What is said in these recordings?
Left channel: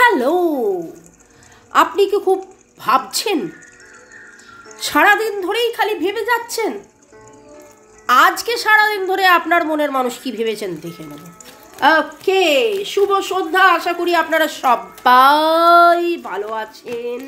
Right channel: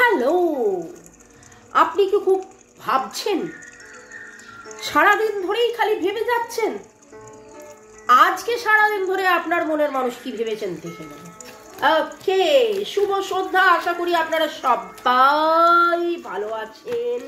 Hello, আপনি কি খুব ভাবছেন? সারাদিন ধরেই খালি ভেবে যাচ্ছেন? আজকে সারাদিন ধরে আপনার মনের মানুষ কি ভেবেছেন দেখে নেব। ওকে, শুভ সন্ধ্যা। আশা করি আপনারা সবাই ভালো আছেন,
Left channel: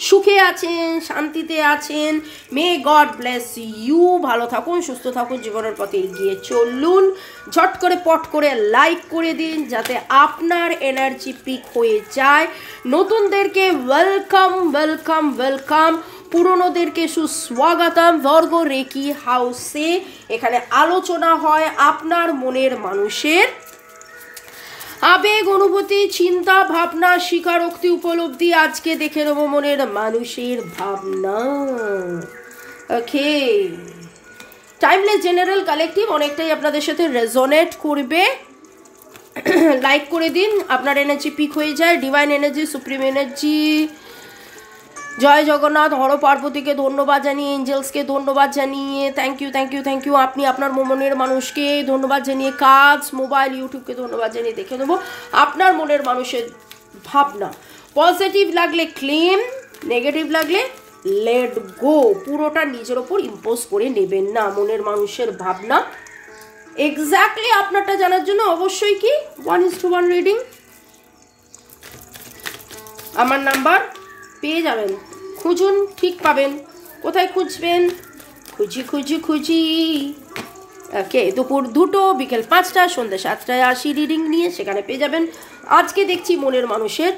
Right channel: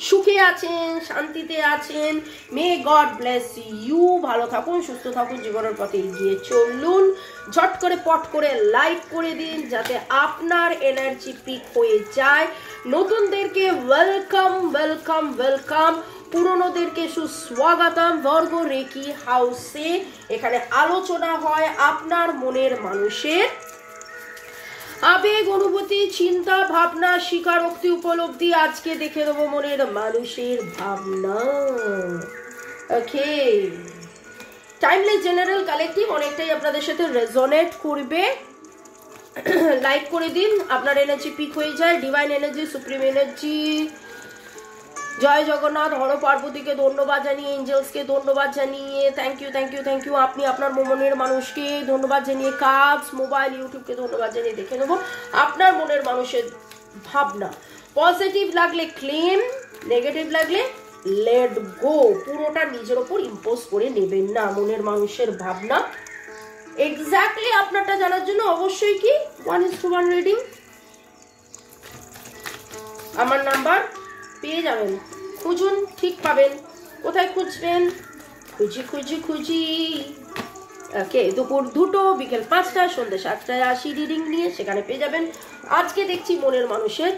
সুখে আছেন, শান্তিতে আছেন। May God bless you. ভালো থাকুন, সুস্থ থাকুন, জীবনের পথে এগিয়ে চলুন। ঝট করে পট করে লাইক করে দিন যাতে আপনার এনার্জি পিক হয়ে যায়। নতুনদেরকে ওয়েলকাম ওয়েলকাম ওয়েলকাম, পুরনোদেরকে সুস্বাগতম। বর্গ রেকি হাউসে এখানে আলোচনা হয় আপনার মনের মানুষের আবেগ, অনুভূতি, চিন্তা, ভাবনা, স্বীকারোক্তি, উপলব্ধি। আজকে দেখে নেবো মনের মানুষের ভাবনা। ওকে, টাইমলেস জেনারেল কালেকটিভ অনেকটাই আপনাদের সাথে রেজোনেট করবে। লাইক করে দিন, আপনার এনার্জি পিক হয়ে যায়। Divine energy, supreme energy, Jai Jagannath, Har পার্বতীকে ধন্যবাদ জানিয়ে, এঞ্জেলসকে ধন্যবাদ জানিয়ে, thank you thank you thank you. আপনি আপনার মনের মানুষকে ধন্যবাদ জানিয়ে, কাজ, মোবাইল, ইউটিউবকে ধন্যবাদ জানিয়ে দেখে নেবো আপনার মনের মানুষের ভাবনা। পজিটিভ লাগলে ক্লেম, নেগেটিভ লাগলে লেট গো। পুরোটা নিজের ওপর ইম্পোজ করে নেবেন না। মনের মানুষের ভাবনা এক্স্যাক্টলি আপনারটা জানার জন্য অবশ্যই কি 1:1 রিডিং আমার নাম্বার পেয়ে যাবেন। খুঁজুন, ঠিক পাবেন। কোথায় খুঁজবেন? খুঁজি খুঁজি খুঁজি। ওকে, দুপুর 2টো, বিকেল 5টা, সন্ধ্যে 7টায় আসি রিডিং নিয়ে, সেখানে পেয়ে যাবেন। আজকে দেখছি মনের মানুষের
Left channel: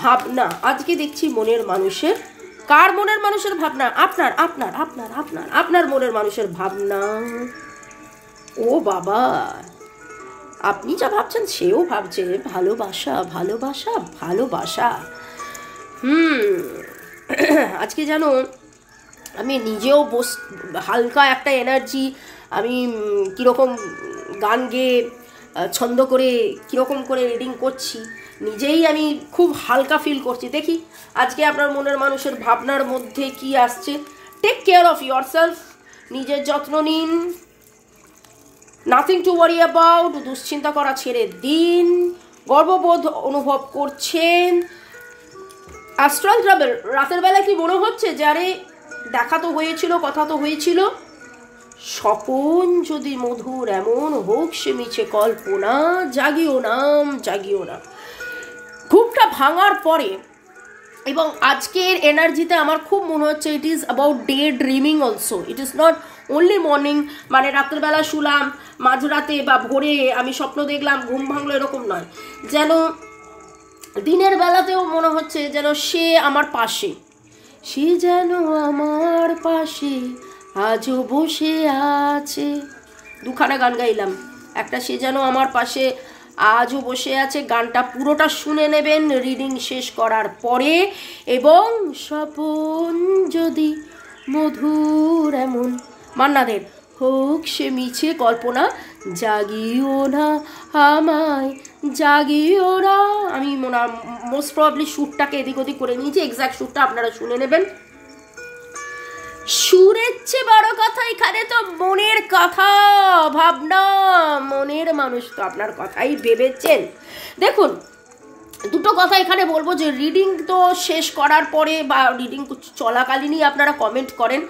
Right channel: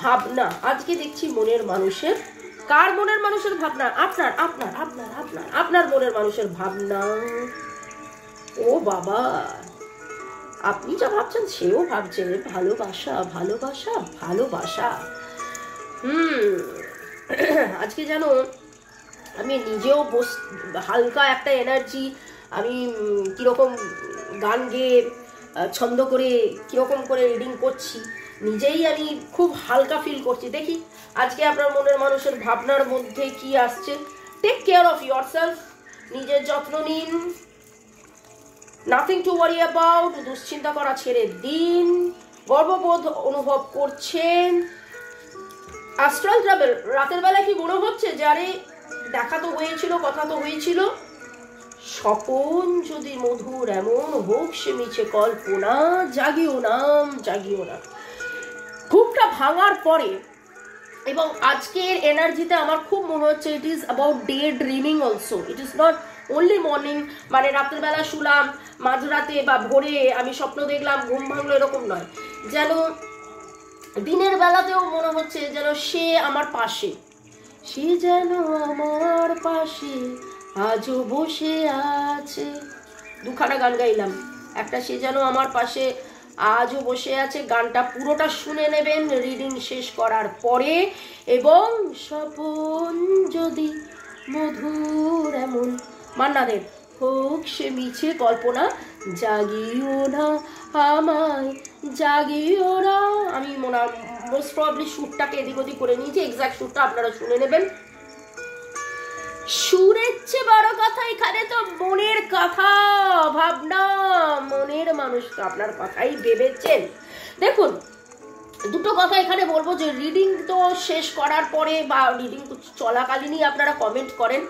ভাবনা। আজকে দেখছি মনের মানুষের, কার মনের মানুষের ভাবনা? আপনার আপনার আপনার আপনার আপনার মনের মানুষের ভাবনা। ও বাবা, আপনি যা ভাবছেন সেও ভাবছে। ভালোবাসা ভালোবাসা ভালোবাসা। আজকে যেন আমি নিজেও হালকা একটা এনার্জি, আমি কিরকম গান গেয়ে ছন্দ করে কিরকম করে রিডিং করছি, নিজেই আমি খুব হালকা ফিল করছি। দেখি আজকে আপনার মনের মানুষের ভাবনার মধ্যে কি আসছে। টেক কেয়ার অফ ইয়োরসেলফ, নিজের যত্ন নিন। নাথিং টু ওয়ারি অ্যাবাউট, দুশ্চিন্তা করা ছেড়ে দিন। গর্ববোধ অনুভব করছেন। অ্যাস্ট্রাল ট্রাভেল, রাতের বেলা কি মনে হচ্ছে যারে দেখা তো হয়েছিল, কথা তো হয়েছিল, স্বপন যদি মধুর এমন হোক সে মিছে কল্পনা, জাগিও নাম জাগিও না। ঘুমটা ভাঙার পরে এবং আজকের এনার্জিতে আমার খুব মনে হচ্ছে it is about day dreaming also. It is not only morning, মানে রাতের বেলা শুলাম, মাঝরাতে বা ভোরে আমি স্বপ্ন দেখলাম, ঘুম ভাঙলো, এরকম নয়। যেন দিনের বেলাতেও মনে হচ্ছে যেন সে আমার পাশে, সে যেন আমার পাশে আজও বসে আছে। দুখানা গান গাইলাম, একটা সে যেন আমার পাশে আজও বসে আছে, গানটা পুরোটা শুনে নেবেন রিডিং শেষ করার পরে। এবং স্বপন যদি মধুর এমন, মান্নাদের, হোক সে মিছে কল্পনা, জাগিও না আমায় জাগিও না। আমি মোস্ট প্রবাবলি সুরটাকে এদিক ওদিক করে নিয়েছি, এক্সাক্ট সুরটা আপনারা শুনে নেবেন। সুরের চেয়ে বড় কথা এখানে তো মনের কথা, ভাবনা। মনের মানুষ তো আপনার কথাই ভেবেছেন। দেখুন, দুটো কথা এখানে বলবো যে রিডিং তো শেষ করার পরে বা রিডিং চলাকালীনই আপনারা কমেন্ট করেন।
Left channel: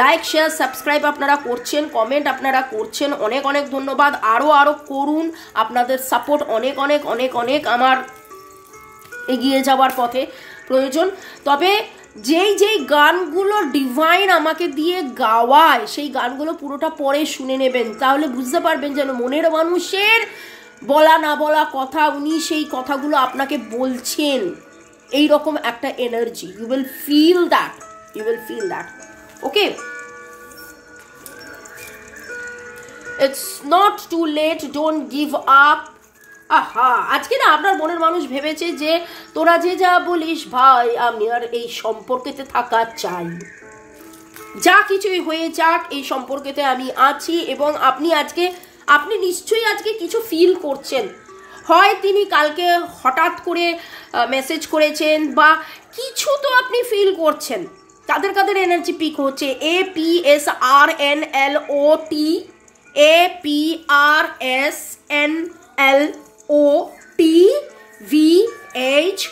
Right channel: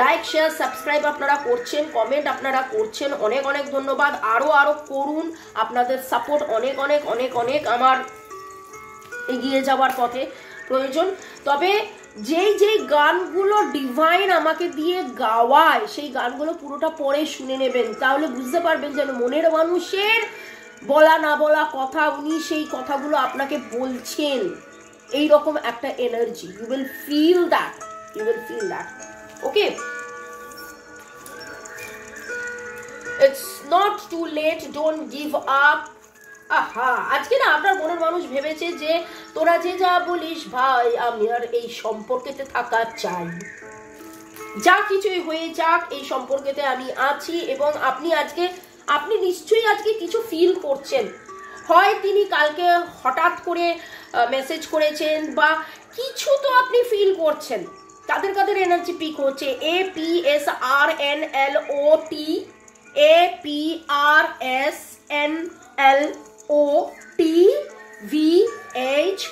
লাইক, শেয়ার, সাবস্ক্রাইব আপনারা করছেন, কমেন্ট আপনারা করছেন, অনেক অনেক ধন্যবাদ। আরো আরো করুন, আপনাদের সাপোর্ট অনেক অনেক অনেক অনেক আমার এগিয়ে যাওয়ার পথে প্রয়োজন। তবে যেই যেই গানগুলো ডিভাইন আমাকে দিয়ে গাওয়ায় সেই গানগুলো পুরোটা পরে শুনে নেবেন, তাহলে বুঝতে পারবেন যেন মনের মানুষের বলা না বলা কথা, উনি সেই কথাগুলো আপনাকে বলছেন। এইরকম একটা energy, you will feel that, you will feel that. Okay, it's not too late, don't give up. আহা, আজকে না আপনার মনের মানুষ ভেবেছে যে তোরা যে যা বলিস ভাই, আমি আর এই সম্পর্কেতে থাকা চাই, যা কিছুই হয়ে যাক এই সম্পর্কেতে আমি আছি। এবং আপনি নিশ্চয়ই আজকে কিছু ফিল করছেন। হয় তিনি কালকে হঠাৎ করে মেসেজ করেছেন বা কিছু তো আপনি ফিল করছেন। কাদের কাদের এনার্জি পিক হচ্ছে? APSRNLOT, APRSNLOT, VH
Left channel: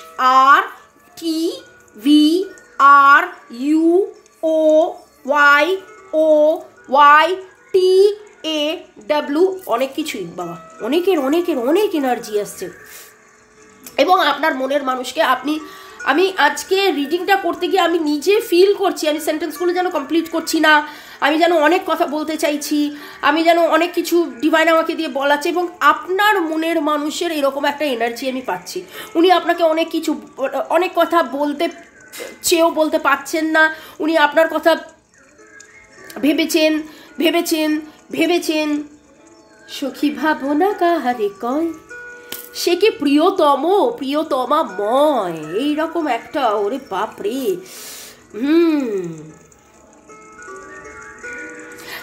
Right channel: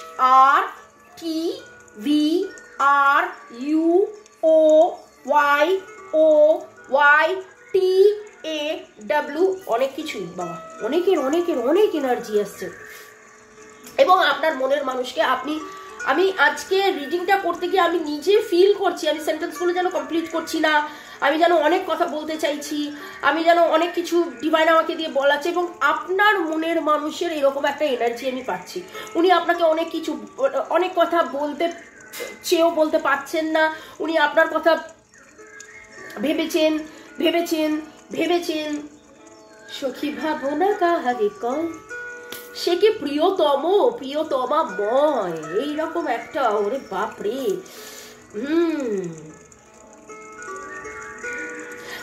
ডাব্লু, অনেক কিছুই বাবা, অনেকের অনেকের অনেক এনার্জি আসছে। এবং আপনার মনের মানুষকে আমি আজকে রিডিংটা করতে গিয়ে আমি নিজে ফিল করছি, আমি সেন্টেন্সগুলো যেন কমপ্লিট করছি না, আমি যেন অনেক কথা বলতে চাইছি, আমি যেন অনেক কিছু ডিভাইন আমাকে দিয়ে বলাচ্ছে, এবং আপনার মনের মানুষের এরকম একটা এনার্জি আমি পাচ্ছি। উনি আপনাকে অনেক কথা বলতে চেয়েও বলতে পারছেন না, উনি আপনার কথা ভেবেছেন ভেবেছেন ভেবেছেন। সখী ভাবনা কাহারে কয়, সে কি প্রিয়তমা ময়, এইরকম একটা, ওরে বাপরে।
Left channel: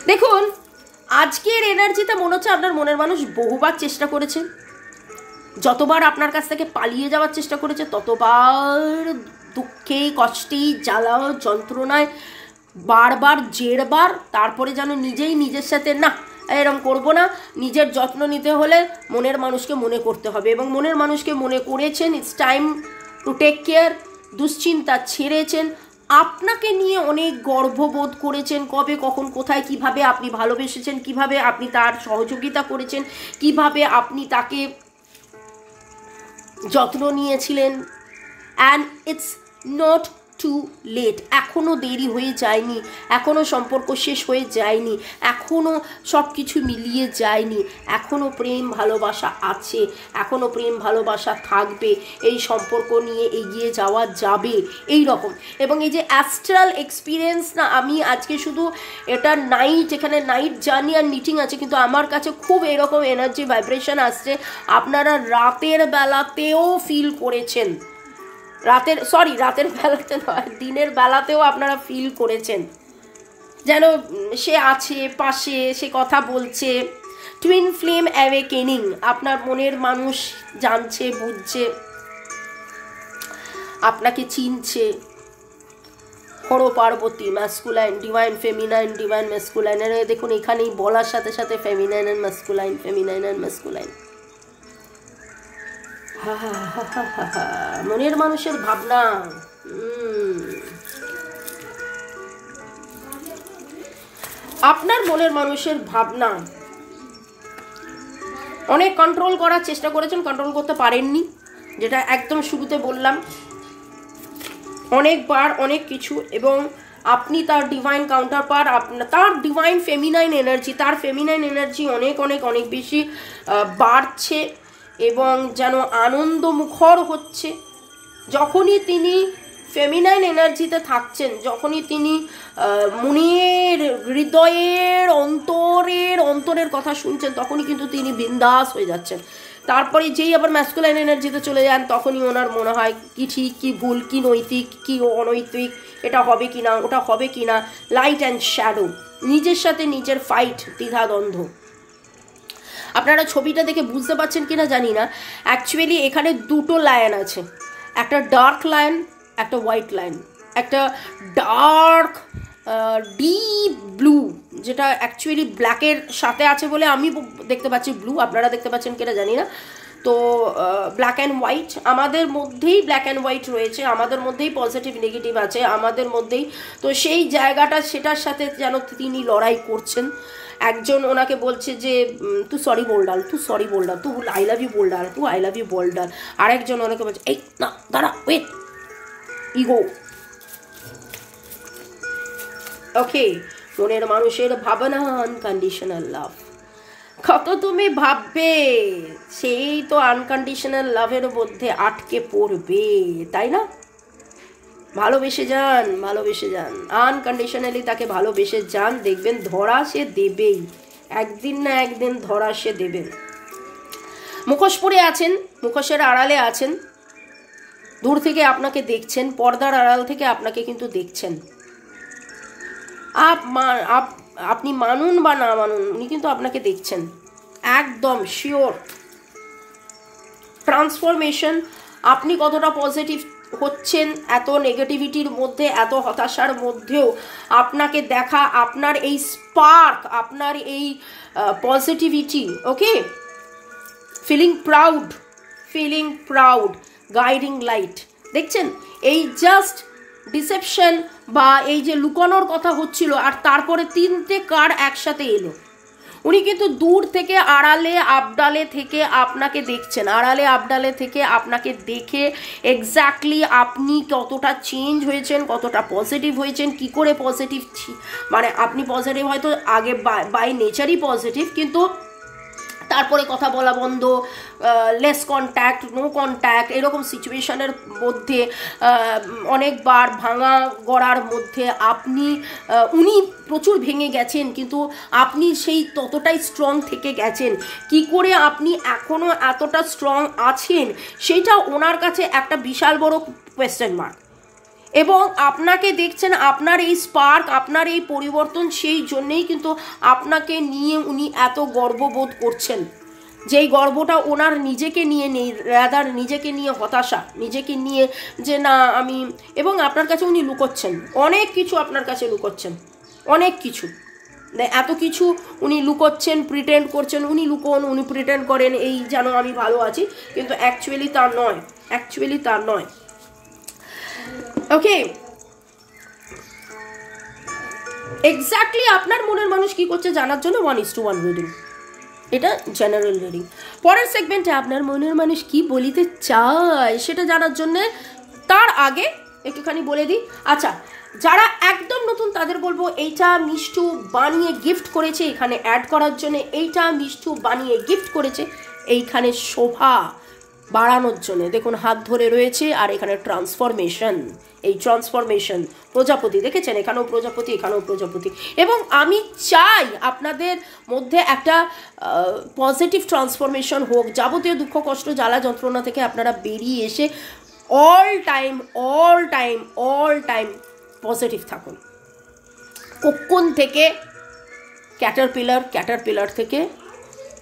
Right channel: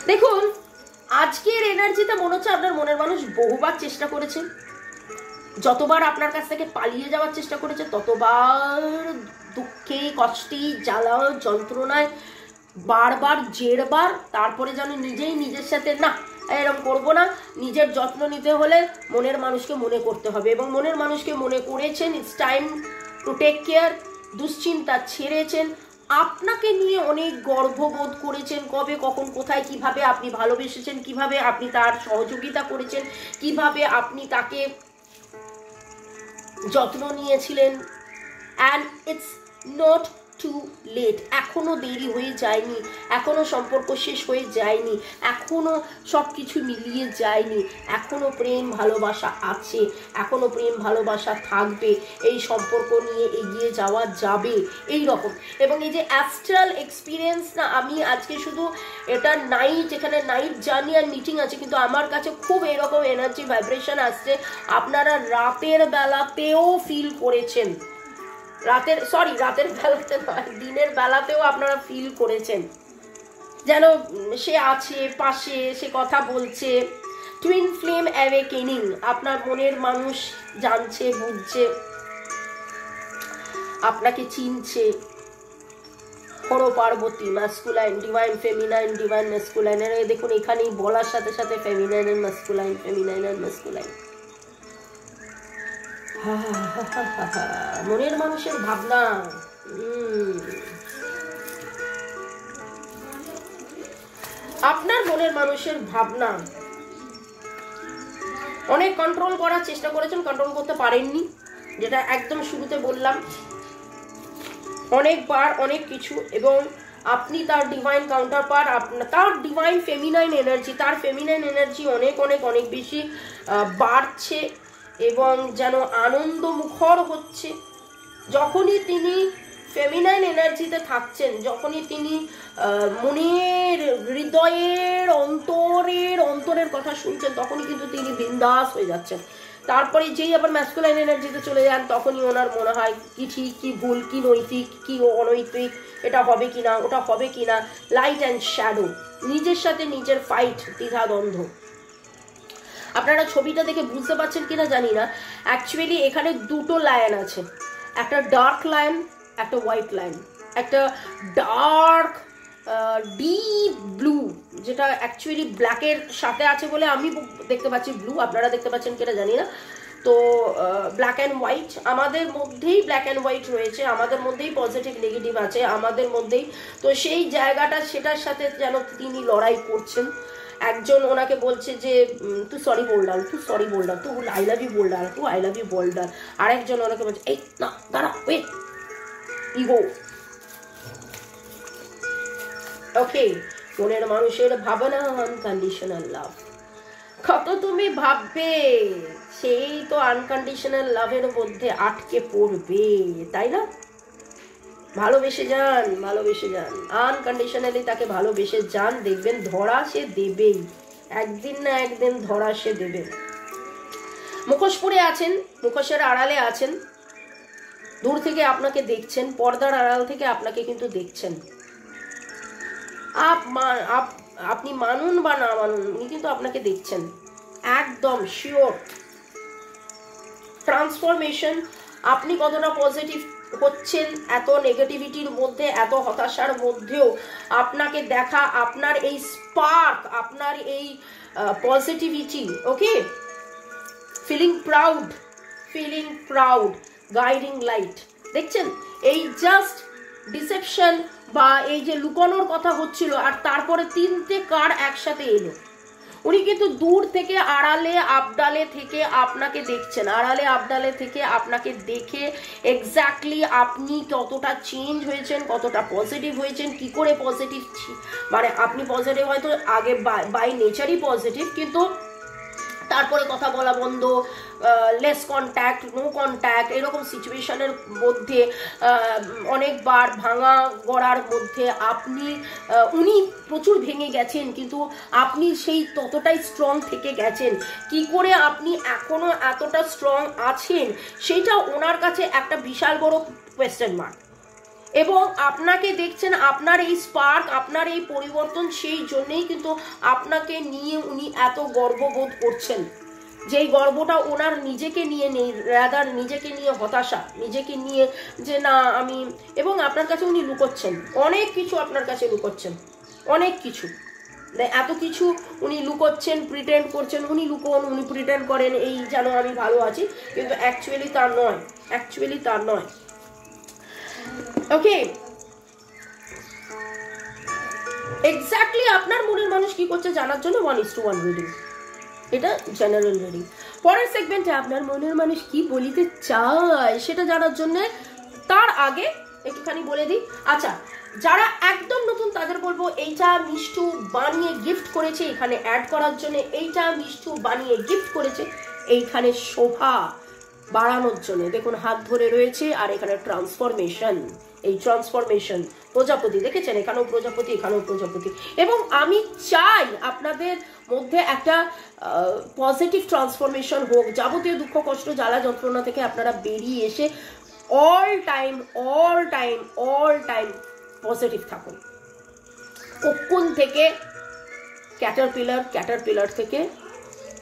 দেখুন আজকের এনার্জিতে মনে হচ্ছে আপনার মনের মানুষ বহুবার চেষ্টা করেছে, যতবার আপনার কাছ থেকে পালিয়ে যাওয়ার চেষ্টা করেছে ততবার দুঃখে কষ্টে জ্বালা যন্ত্রণায় বারবার জেরবার, তারপরে যেন নিজেই নিজের সাথে না এরকম করবো না, নিজের যত্ন নিতে হলে মনের মানুষকে মনে করতে হবে, এবং মনের মানুষকে মনে করেছেন। It's time to take care. দুশ্চিন্তা ছেড়েছেন, আপনাকে নিয়ে অনেক গর্ববোধ করেছেন, কবে কখন কোথায় কিভাবে আপনি ভালোবেসেছেন, কিভাবে আপনি তার সহযোগিতা করেছেন, কিভাবে আপনি তাকে যত্ন নিয়েছিলেন। And it's not too late, এখনো দেরি হয়ে যায়নি, এখনো সম্পর্ক শেষ হয়ে যায়নি, এখনো সব কিছু মিলিয়ে যায়নি, এখনো প্রেম ভালোবাসা আছে, এখনো প্রেম ভালোবাসা থাকবে, এই সম্পর্ক নিয়ে এগিয়ে যাওয়া যাবে এই রকম। এবং এই যে অ্যাস্ট্রাল এক্সপিরিয়েন্স না, আমি আজকে শুধু এটা নাইট, এখানে নাইট জার্নি আর মিটিং আছে, কিন্তু আমার কাছে খুব এরকম এনার্জি ভাইব্রেশন আসছে, আপনারা রাতের বেলাতেও ফিল করেছেন, রাতের বেলাতে নয়, দিনের বেলাতেও আপনারা ফিল করেছেন যেন সে আছে পাশে, সে কথা বলছে। টুইন ফ্লেম অ্যাওয়েকেনিং, আপনার মনের মানুষ জানছে, বুঝছে, আপনাকে চিনছে। Har Parvati, masculine, divine feminine, divine masculine, দেখুন এখানেই বলার সাথে সাথে feminine and masculine, feminine and masculine. মনের মানুষের ভাবনা, আপনার মনের মানুষের ভাবনা অনেক কন্ট্রোল করার চেষ্টা করেছেন, কন্ট্রোল করতে পারেননি, যেটা একদম শুরুতে বললাম, অনেকবার অনেক কিছু। এবং আপনি তার ডিভাইন কাউন্টার পার, তার ডিভাইন ফেমিনাইন এনার্জি, তার ফেমিনাইন এনার্জি অনেক অনেক অনেক বেশি বাড়ছে এবং যেন আনন্দ মুখর হচ্ছে। যখনই তিনি ফেমিনাইন এনার্জিতে থাকছেন, যখনই তিনি মনের হৃদয়ের অন্তরের কথা শুনছেন, তখনই কিন্তু তিনি বিন্দাস হয়ে যাচ্ছেন। তারপরে যেই আবার ম্যাসকুলাইন এনার্জিতে চলে যান, তখনই ওনার মনে হয় কি ঠিক কি ভুল, কি নৈতিক কি অনৈতিক, এটা হবে কিনা ওটা হবে কিনা, লাইট অ্যান্ড শ্যাডো, নিজের সাথে নিজের ফাইট, দ্বিধাদ্বন্দ্ব। আপনারা ছবিটা দেখে বুঝতে পারছেন কিনা জানি না, অ্যাকচুয়ালি এখানে দুটো লাইন আছে, একটা ডার্ক লাইন, একটা হোয়াইট লাইন, একটা ডার্ক ডিপ ব্লু, যেটা অ্যাকচুয়ালি ব্ল্যাকের সাথে আছে বলে আমি দেখতে পাচ্ছি ব্লু, আপনারা দেখতে পাচ্ছেন কিনা জানি না। তো ব্ল্যাক অ্যান্ড হোয়াইট, আমাদের মধ্যেই ব্ল্যাক অ্যান্ড হোয়াইট রয়েছে, আমাদের মধ্যেই পজিটিভ নেগেটিভ আছে আমাদের মধ্যেই। তো সেই জায়গাটা, সেটার সাথে যেন তিনি লড়াই করছেন। একজন ওনাকে বলছে যে তু সরি बोल डाल, তু সরি बोल डाल, তু আই লাভ ইউ बोल डाल, তু আই লাভ ইউ बोल डाल। আরেকজন ওনাকে বলছে এই না দাঁড়া, ওয়েট, ইগো। ওকে, মনের মানুষের ভাবনা আনকন্ডিশনাল লাভ। কত তুমি ভাববে, সেই তো আনকন্ডিশনাল লাভের মধ্যে আটকে পড়বে, তাই না? ভালোবেসে যান, ভালোবেসে যান, আনকন্ডিশনালি তাকে ভালোবেসে যান, দেখবেন ধরা সে দেবেই, একদিন না একদিন ধরা সে দেবেন। মুখোশ পরে আছেন, মুখোশের আড়ালে আছেন, দূর থেকে আপনাকে দেখছেন, পর্দার আড়াল থেকে আপনাকে কিন্তু দেখছেন। আপনি মানুন বা না মানুন, উনি কিন্তু আপনাকে দেখছেন, একদম শিওর। ট্রান্সফরমেশন, আপনি কতটা পজিটিভ হচ্ছেন এত নেগেটিভিটির মধ্যে, এত হতাশার মধ্যেও আপনাকে দেখা, আপনার এই স্পার্ক, আপনার এই পজিটিভিটি, ওকে, ফিলিং প্রাউড, গাইডিং লাইট। দেখছেন, এই জাস্ট ডিসেপশন বা এই যে লুকানোর কথা হচ্ছিল, আর তারপরে তিনটে কার্ড একসাথে এলো, উনি কিন্তু দূর থেকে আড়ালে আবডালে থেকে আপনাকে দেখছেন, আড়ালে আবডালে থেকে আপনাকে দেখে এক্স্যাক্টলি আপনি কতটা চেঞ্জ হয়েছেন, কতটা পজিটিভ হয়েছেন, কি করে পজিটিভ, মানে আপনি পজিটিভ হয়তো আগে বাই নেচারই পজিটিভ, কিন্তু তারপরে কথা বলা বন্ধ, লেস কন্ট্যাক্ট, নো কন্ট্যাক্ট, এরকম সিচুয়েশনের মধ্যে অনেকবার ভাঙা গড়ার মধ্যে উনি প্রচুর ভেঙে গেছেন, কিন্তু আপনি সেই ততটাই স্ট্রং থেকে গেছেন। কি করে আপনি এখনো এতটা স্ট্রং আছেন সেটা ওনার কাছে একটা বিশাল বড় কোয়েশ্চেন মার্ক। এবং আপনাকে দেখছেন, আপনার এই স্পার্ক, আপনার এই পরিবর্তন, সেই জন্যেই কিন্তু আপনাকে নিয়ে উনি এত গর্ববোধ করছেন, যেই গর্বটা ওনার নিজেকে নিয়ে নেই, রাদার নিজেকে নিয়ে হতাশা, নিজেকে নিয়ে যে না আমি, এবং আপনার কাছে উনি লুকোচ্ছেন অনেক কিছু, আপনার কাছে লুকোচ্ছেন অনেক কিছু, এত কিছু উনি লুকোচ্ছেন, প্রিটেন্ড করছেন, উনি লুকোন, উনি প্রিটেন্ড করেন এই যেন আমি ভালো আছি, কিন্তু অ্যাকচুয়ালি তার নয়, অ্যাকচুয়ালি তার নয়। ওকে, এক্স্যাক্টলি আপনার মনের মানুষ কি করছে জানার জন্য 1:1 রিডিং, এটা জেনারেল রিডিং। পরের সেগমেন্টে আপনার মনের মানুষ কি বলিতে চায় সেটা জানার জন্য, তার আগে একটুখানি বলে দিই, আচ্ছা যারা একদম নতুন তাদের বলবো এইটা মিষ্টু বানিয়ে গিফট করেছে এখানে অ্যাড করার জন্য, এইটা মিষ্টু বানিয়ে গিফট করেছে এইখানে শোভা বাড়ানোর জন্য। দেখুন হাত ধরে রয়েছে, আর এখানে ট্রান্সফরমেশন, এই ট্রান্সফরমেশন প্রজাপতি দেখেছেন, এখানেও প্রজাপতি, এখানেও প্রজাপতি। এবং আমি চাই আপনাদের মধ্যে একটা পজিটিভ ট্রান্সফরমেশন হোক, যাবতীয় দুঃখ কষ্ট জ্বালা যন্ত্রণা থেকে আপনারা বেরিয়ে এসে অল টাইম পজিটিভ থাকুন। কখন থেকে ক্যাটারপিলার থেকে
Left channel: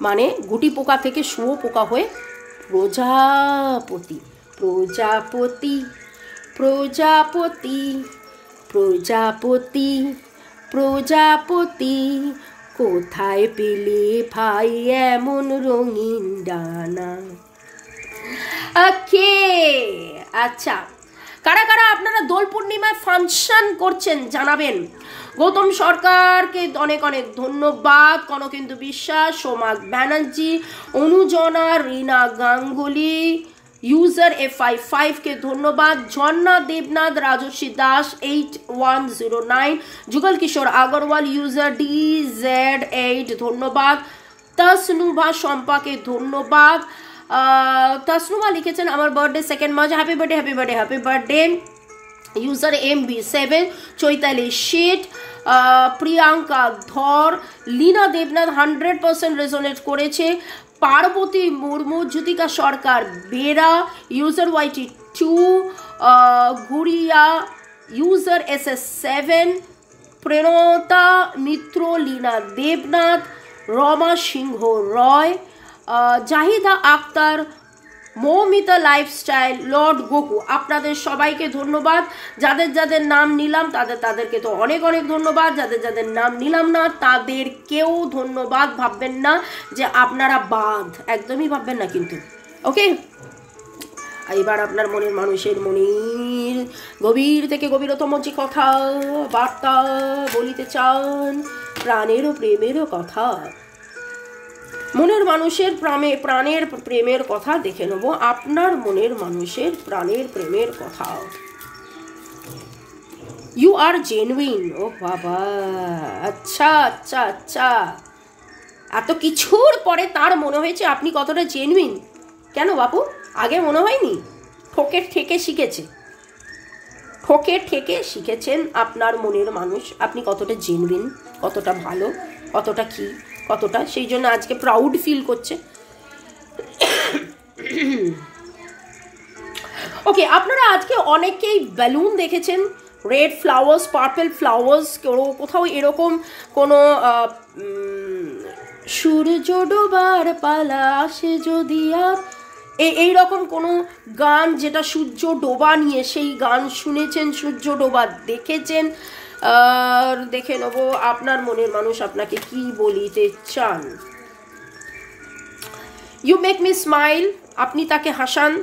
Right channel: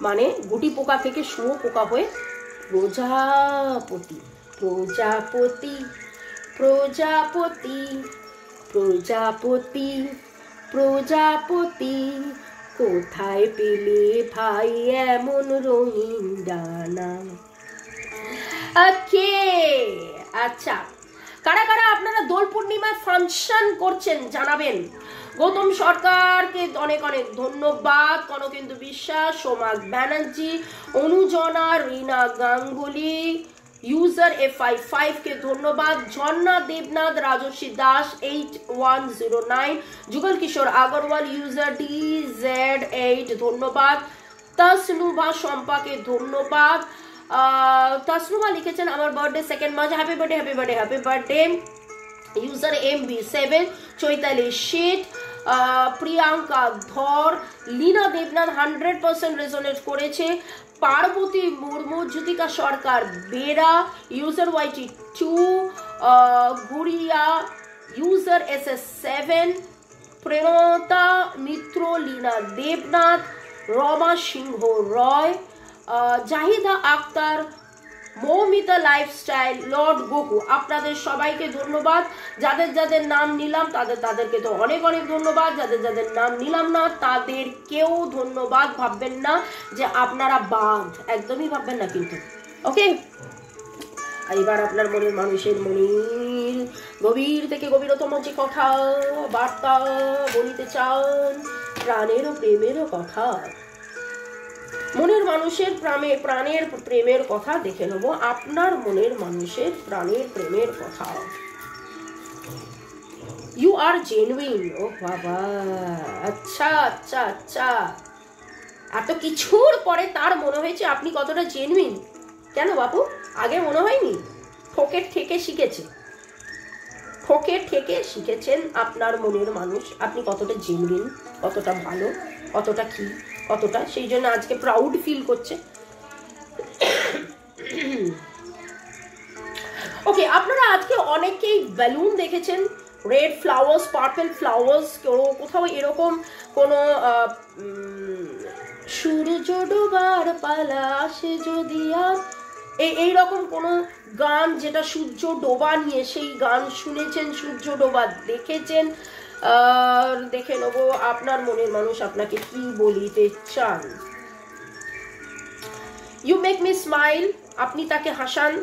মানে গুটি পোকা থেকে শুঁয়ো পোকা হয়ে প্রজাপতি, প্রজাপতি, প্রজাপতি, প্রজাপতি, প্রজাপতি, কোথায় পেলে ভাই এমন রঙিন ডানা। ওকে, আচ্ছা কারা কারা আপনারা দোল পূর্ণিমায় ফাংশন করছেন জানাবেন। গৌতম সরকারকে অনেক অনেক ধন্যবাদ, কনকেন্দু বিশ্বাস, সোমাক ব্যানার্জি, অনুজনা, রিনা গাঙ্গুলি, ইউজার F55 কে ধন্যবাদ, ঝর্ণা দেবনাথ, রাজস্বী দাস 8109, যুগল কিশোর আগরওয়াল, ইউজার DZ8 ধন্যবাদ, তসনুভা শম্পাকে ধন্যবাদ। তসনুভা লিখেছেন আমার birthday 2 March, happy birthday, happy birthday, happy birthday. User MB7, Chaitali Sheth, Priyanka Dhar, Leena Debnath 100% resonate করেছে, Parvati Murmu, Jyotika Sarkar Bera, user YT2, Gudiya, user SS7, Preranata Mitra, Leena Debnath, Rama Singh Roy, Zahida Akhtar, Moumita lifestyle, lord Goku, আপনাদের সবাইকে ধন্যবাদ। যাদের যাদের নাম নিলাম তাদেরকে তো অনেক অনেক ধন্যবাদ, যাদের যাদের নাম নিলাম না তাদেরকেও ধন্যবাদ। ভাববেন না যে আপনারা বাদ, একদমই ভাববেন না কিন্তু। ওকে, এবার আপনার মনের মানুষের মনের গভীর থেকে গভীরতম যে কথা বার্তা বলিতে চান, প্রাণেরও প্রেমেরও কথা, মনের মানুষের প্রাণের প্রেমের কথা দেখে নেব। আপনার মনের মানুষের প্রাণের প্রেমের কথা। You R genuine. ও বাবা, আচ্ছা আচ্ছা আচ্ছা, এত কিছুর পরে তার মনে হয়েছে আপনি কতটা জেনুইন। কেন বাপু, আগে মনে হয়নি? ঠকে ঠেকে শিখেছে, ঠকে ঠেকে শিখেছেন আপনার মনের মানুষ আপনি কতটা জেনুইন, কতটা ভালো, কতটা কি, কতটা, সেই জন্য আজকে প্রাউড ফিল করছে। ওকে, আপনারা আজকে অনেকেই বেলুন দেখেছেন, রেড ফ্লাওয়ার্স, পার্পল ফ্লাওয়ার্স, কোথাও এরকম কোনো সূর্য ডোবার পালা আসে যদি আর, এইরকম কোনো গান যেটা সূর্য ডোবা নিয়ে, সেই গান শুনেছেন, সূর্য ডোবা দেখেছেন। দেখে নেব আপনার মনের মানুষ আপনাকে কি বলিতে চান। ইউ মেক মি স্মাইল, আপনি তাকে Hasan.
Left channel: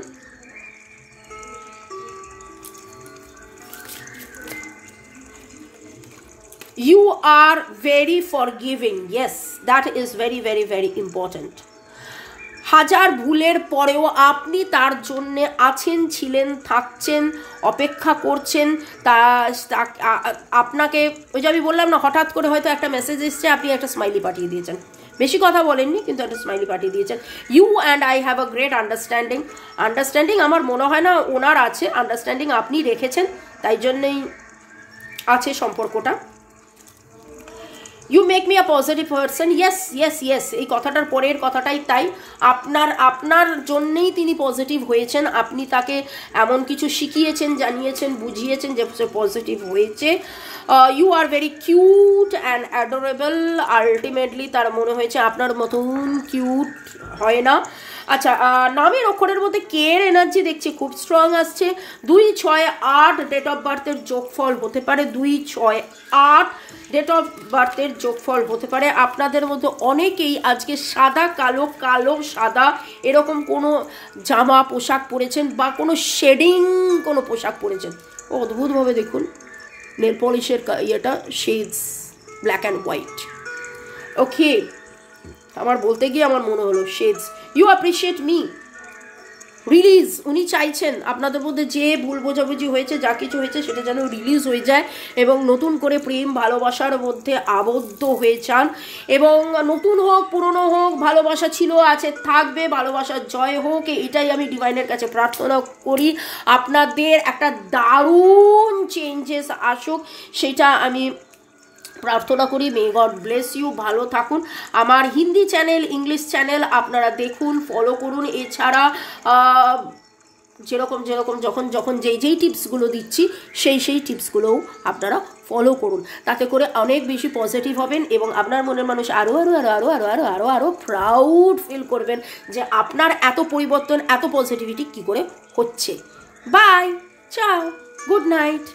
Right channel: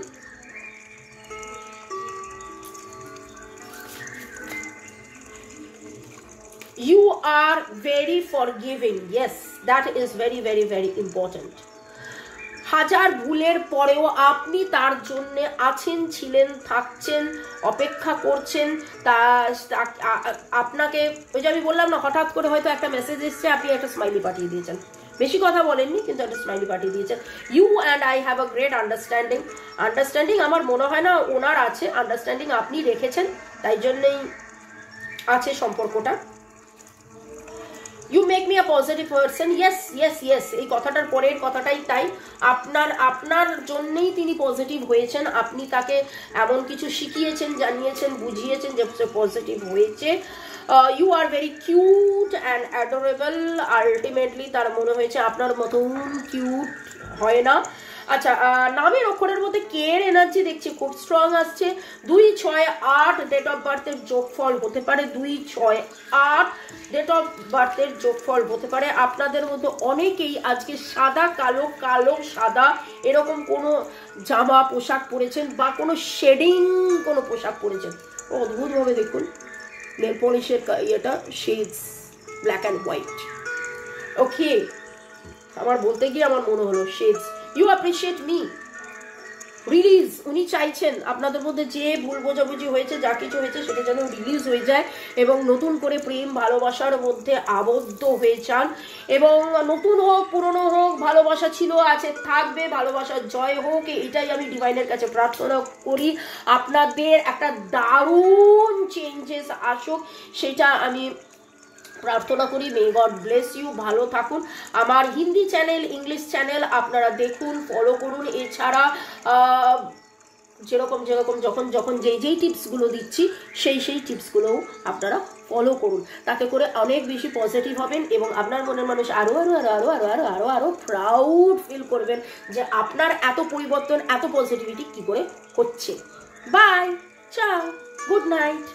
You are very forgiving. Yes, that is very very very important. হাজার ভুলের পরেও আপনি তার জন্যে আছেন, ছিলেন, থাকছেন, অপেক্ষা করছেন। আপনাকে ওই যে আমি বললাম না, হঠাৎ করে হয়তো একটা মেসেজ এসছে, আপনি একটা স্মাইলি পাঠিয়ে দিয়েছেন, বেশি কথা বলেননি কিন্তু একটা স্মাইলি পাঠিয়ে দিয়েছেন। You and I have a great understanding আমার মনে হয় না ওনার আছে, আন্ডারস্ট্যান্ডিং আপনি রেখেছেন, তাই জন্যই আছে সম্পর্কটা। You make me a positive person. Yes yes yes, এই কথাটার পরের কথাটাই তাই। আপনার জন্যেই তিনি পজিটিভ হয়েছেন। আপনি তাকে এমন কিছু শিখিয়েছেন, জানিয়েছেন, বুঝিয়েছেন যে পজিটিভ হয়েছে। You are very cute and adorable. Ultimately তার মনে হয়েছে আপনার মতন কিউট হয় না। আচ্ছা, নামের অক্ষরের মধ্যে কে এর এনার্জি দেখছি খুব স্ট্রং আসছে। 2, 6, 8 ডেট অফ বার্থের যোগফল হতে পারে। 2, 6, 8 ডেট অফ বার্থের যোগফল হতে পারে। আপনাদের মধ্যে অনেকেই আজকে সাদা কালো, কালো সাদা এরকম কোনো জামা পোশাক পরেছেন বা কোনো শেডিং কোনো পোশাক পরেছেন। অদ্ভুতভাবে দেখুন নেল পলিশের ইয়েটা shades black and white. Okay, আমার বলতে গিয়ে আমার মনে হলো shades. You appreciate me. Release উনি চাইছেন আপনাদের মধ্যে যে ভুল বোঝাবুঝি হয়েছে, যা কিছু হয়েছে সেটা যেন রিলিজ হয়ে যায় এবং নতুন করে প্রেম ভালোবাসার মধ্যে আবদ্ধ হয়ে যান। এবং নতুন হোক পুরনো হোক, ভালোবাসা ছিল, আছে, থাকবে, ভালোবাসার জয় হোক, এটাই আমি ডিভাইনের কাছে প্রার্থনা করি। আপনাদের একটা দারুণ চেঞ্জেস আসুক, সেটা আমি প্রার্থনা করি। May God bless you. ভালো থাকুন। আমার হিন্দি চ্যানেল, ইংলিশ চ্যানেল আপনারা দেখুন, ফলো করুন। এছাড়া যেরকম যখন যেই টিপসগুলো দিচ্ছি সেই টিপসগুলোও আপনারা ফলো করুন। তাতে করে অনেক বেশি পজিটিভ হবেন এবং আপনার মনের মানুষ আরো আরো আরো আরো আরো আরো আরো আরো প্রাউড ফিল করবেন যে আপনার এত পরিবর্তন, এত পজিটিভিটি কি করে হচ্ছে। বাই, চাও, গুড নাইট।